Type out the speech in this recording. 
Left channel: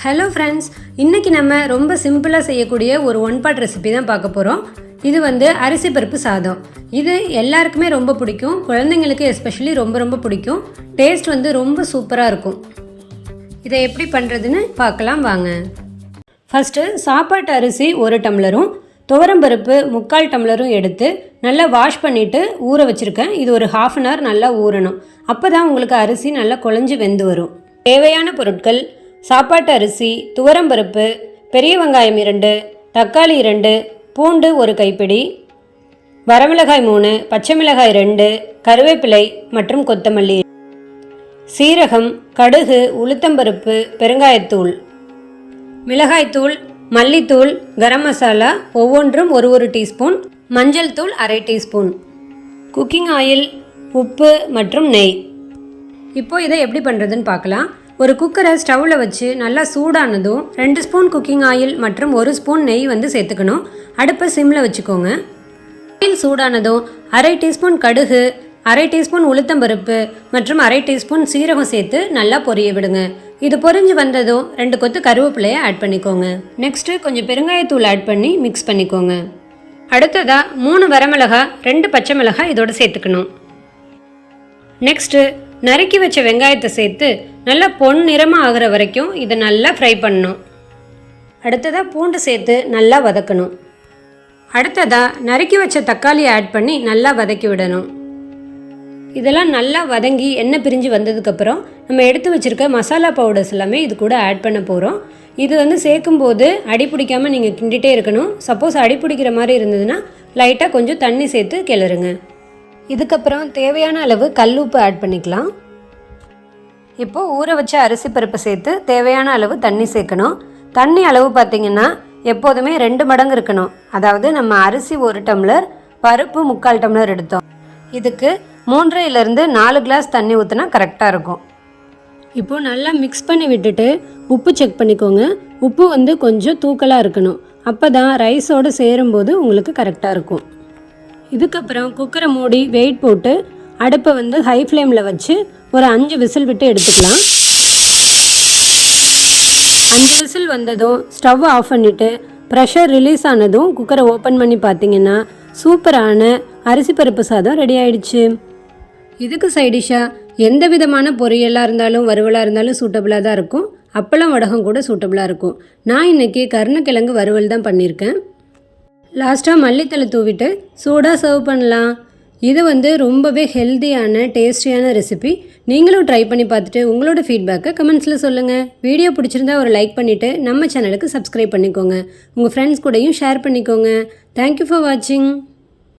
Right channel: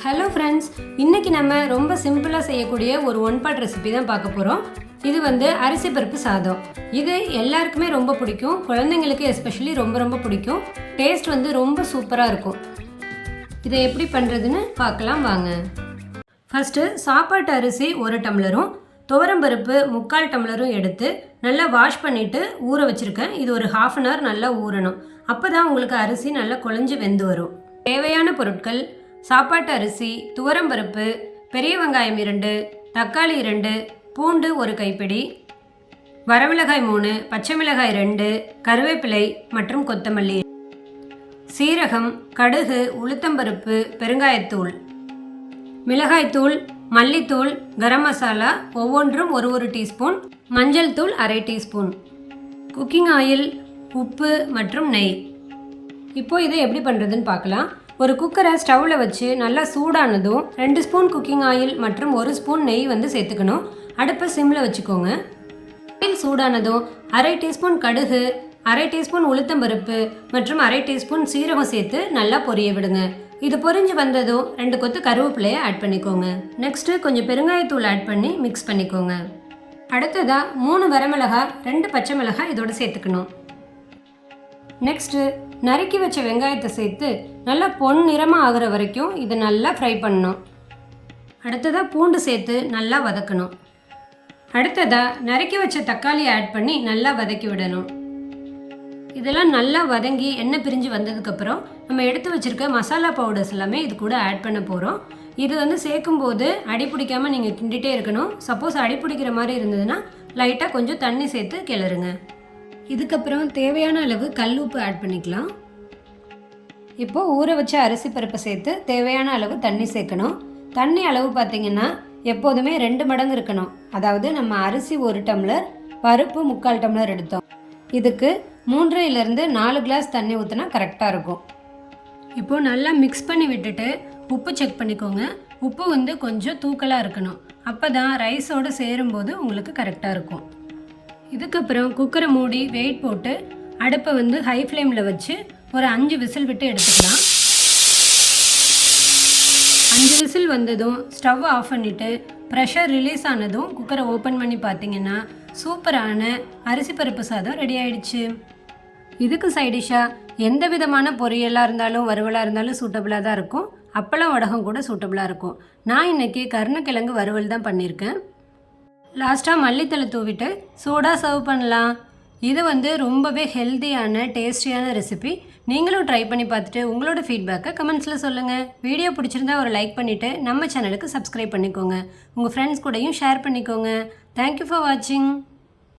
Hello friends இன்றைக்கி நம்ம ரொம்ப சிம்பிளாக செய்யக்கூடிய ஒரு ஒன் பாட் ரெசிபி தான் பார்க்க போகிறோம் இது வந்து அரிசி பருப்பு சாதம். இது எல்லாருக்குமே ரொம்ப பிடிக்கும். குழந்தைங்களுக்கு எஸ்பெஷலி ரொம்ப ரொம்ப பிடிக்கும். டேஸ்ட் வந்து ரொம்ப சூப்பராக இருக்கும். இதை எப்படி பண்ணுறதுன்னு பார்க்கலாம் வாங்க. ஃபஸ்ட்டு சாப்பாட்டு அரிசி ஒரு டம்ளரும் துவரம்பருப்பு முக்கால் டம்ளரும் எடுத்து நல்லா வாஷ் பண்ணிவிட்டு ஊற வச்சுருக்கேன். இது ஒரு ஹாஃப் அன் ஹவர் நல்லா ஊறணும். அப்போ தான் உங்களுக்கு அரிசி நல்லா குழஞ்சி வெந்து வரும். தேவையான பொருட்கள் சாப்பாட்டு அரிசி துவரம்பருப்பு பெரிய வெங்காயம் இரண்டு தக்காளி இரண்டு பூண்டு ஒரு கைப்பிடி வரமிளகாய் மூணு பச்சை மிளகாய் ரெண்டு கருவேப்பிலை மற்றும் கொத்தமல்லி. சீரகம் கடுகு உளுத்தம்பருப்பு பெருங்காயத்தூள். மிளகாய்த்தூள் மல்லித்தூள் கரம் மசாலா ஒவ்வொன்றும் ஒரு ஒரு டீஸ்பூன் மஞ்சள் தூள் அரை டீஸ்பூன். குக்கிங் ஆயில் உப்பு மற்றும் நெய். இப்போ இதை எப்படி பண்ணுறதுன்னு பார்க்கலாம். ஒரு குக்கரை ஸ்டவ்வில் வச்சு நல்லா சூடானதும் ரெண்டு ஸ்பூன் குக்கிங் ஆயில் மற்றும் ஒரு ஸ்பூன் நெய் வந்து சேர்த்துக்கணும். அடுப்பை சிம்மில் வச்சுக்கோங்க. ஆயில் சூடானதும் அரை டீஸ்பூன் கடுகு அரை டீஸ்பூன் உளுத்தம்பருப்பு மற்றும் அரை டீஸ்பூன் சீரகம் சேர்த்து நல்லா பொரிய விடுங்க. இது பொரிஞ்சு வந்ததும் ரெண்டு கொத்து கருவேப்பிலையை ஆட் பண்ணிக்கோங்க. நெக்ஸ்ட்டு கொஞ்சம் பெருங்காயத்தூள் ஆட் பண்ணி மிக்ஸ் பண்ணிக்கோங்க. அடுத்ததாக மூணு வரமிளகாய் ரெண்டு பச்சை மிளகாய் இதோட சேர்த்துக்கணும். நெக்ஸ்ட்டு நறுக்கி வச்ச வெங்காயத்தை சேர்த்து நல்லா பொன் நிறமாக ஆகிற வரைக்கும் இதை நல்லா ஃப்ரை பண்ணணும். அடுத்ததாக பூண்டு சேர்த்து நல்லா வதக்கணும். அடுத்ததாக நறுக்கி வச்ச தக்காளியை ஆட் பண்ணி நல்லா வதக்கி விடணும். இதெல்லாம் நல்லா வதங்கி எண்ணெய் பிரிஞ்சு வந்ததுக்கப்புறம் நம்ம எடுத்து வச்சுருக்க மசாலா பவுடர்ஸ் எல்லாமே இது கூட ஆட் பண்ண போகிறோம் இது வந்து சேர்க்கும்போது அடி பிடிக்காமல் நீங்கள் கிண்டிகிட்டே இருக்கணும். சப்போஸ் அடி பிடிக்கிற மாதிரி இருந்ததுன்னா லைட்டாக கொஞ்சம் தண்ணி சேர்த்து கிளறுங்க. இதுக்கப்புறம் தேவையான அளவு கல் உப்பு ஆட் பண்ணிக்கலாம். இப்போது ஊற வச்ச அரிசி பருப்பை சேர்த்து தேவையான அளவு தண்ணி சேர்க்கணும். தண்ணி அளவு பார்த்திங்கன்னா எப்போதுமே ரெண்டு மடங்கு இருக்கணும். அதாவது நம்ம அரிசி ஒரு டம்ளர் பருப்பு முக்கால் டம்ளர் எடுத்தோம். இதுக்கு மூன்றையிலேருந்து நாலு கிளாஸ் தண்ணி ஊற்றினா கரெக்டாக இருக்கும். இப்போது நல்லா மிக்ஸ் பண்ணி விட்டுட்டு உப்பு செக் பண்ணிக்கோங்க. உப்பு வந்து கொஞ்சம் தூக்கலாக இருக்கணும். அப்போ தான் ரைஸோடு சேரும்போது உங்களுக்கு கரெக்டாக இருக்கும். இதுக்கப்புறம் குக்கரை மூடி வெயிட் போட்டு அடுப்பை வந்து ஹை ஃப்ளேமில் வச்சு ஒரு அஞ்சு விசில் விட்டு எடுத்துக்கலாம். அஞ்சு விசில் வந்ததும் ஸ்டவ் ஆஃப் பண்ணிவிட்டு ப்ரெஷர் ரிலீஸ் ஆனதும் குக்கரை ஓப்பன் பண்ணி பார்த்தீங்கன்னா சூப்பரான அரிசி பருப்பு சாதம் ரெடி ஆயிடுச்சு. இதுக்கு சைடிஷாக எந்த விதமான பொரியலாக இருந்தாலும் வறுவலாக இருந்தாலும் சூட்டபுளாக தான் இருக்கும். அப்பளம் வடகம் கூட சூட்டபுளாக இருக்கும். நான் இன்றைக்கி கருணக்கிழங்கு வறுவல் தான் பண்ணியிருக்கேன். லாஸ்ட்டாக மல்லித்தலை தூவிட்டு சூடாக சர்வ் பண்ணலாம். இது வந்து ரொம்பவே ஹெல்த்தியான டேஸ்டியான ரெசிபி நீங்களும் ட்ரை பண்ணி பார்த்துட்டு உங்களோட ஃபீட்பேக்கை கமெண்ட்ஸில் சொல்லுங்கள் வீடியோ பிடிச்சிருந்தா ஒரு லைக் பண்ணிவிட்டு நம்ம சேனலுக்கு சப்ஸ்கிரைப் பண்ணிக்கோங்க. உங்கள் ஃப்ரெண்ட்ஸ் கூடயும் ஷேர் பண்ணிக்கோங்க. தேங்க்யூ ஃபார் வாட்சிங்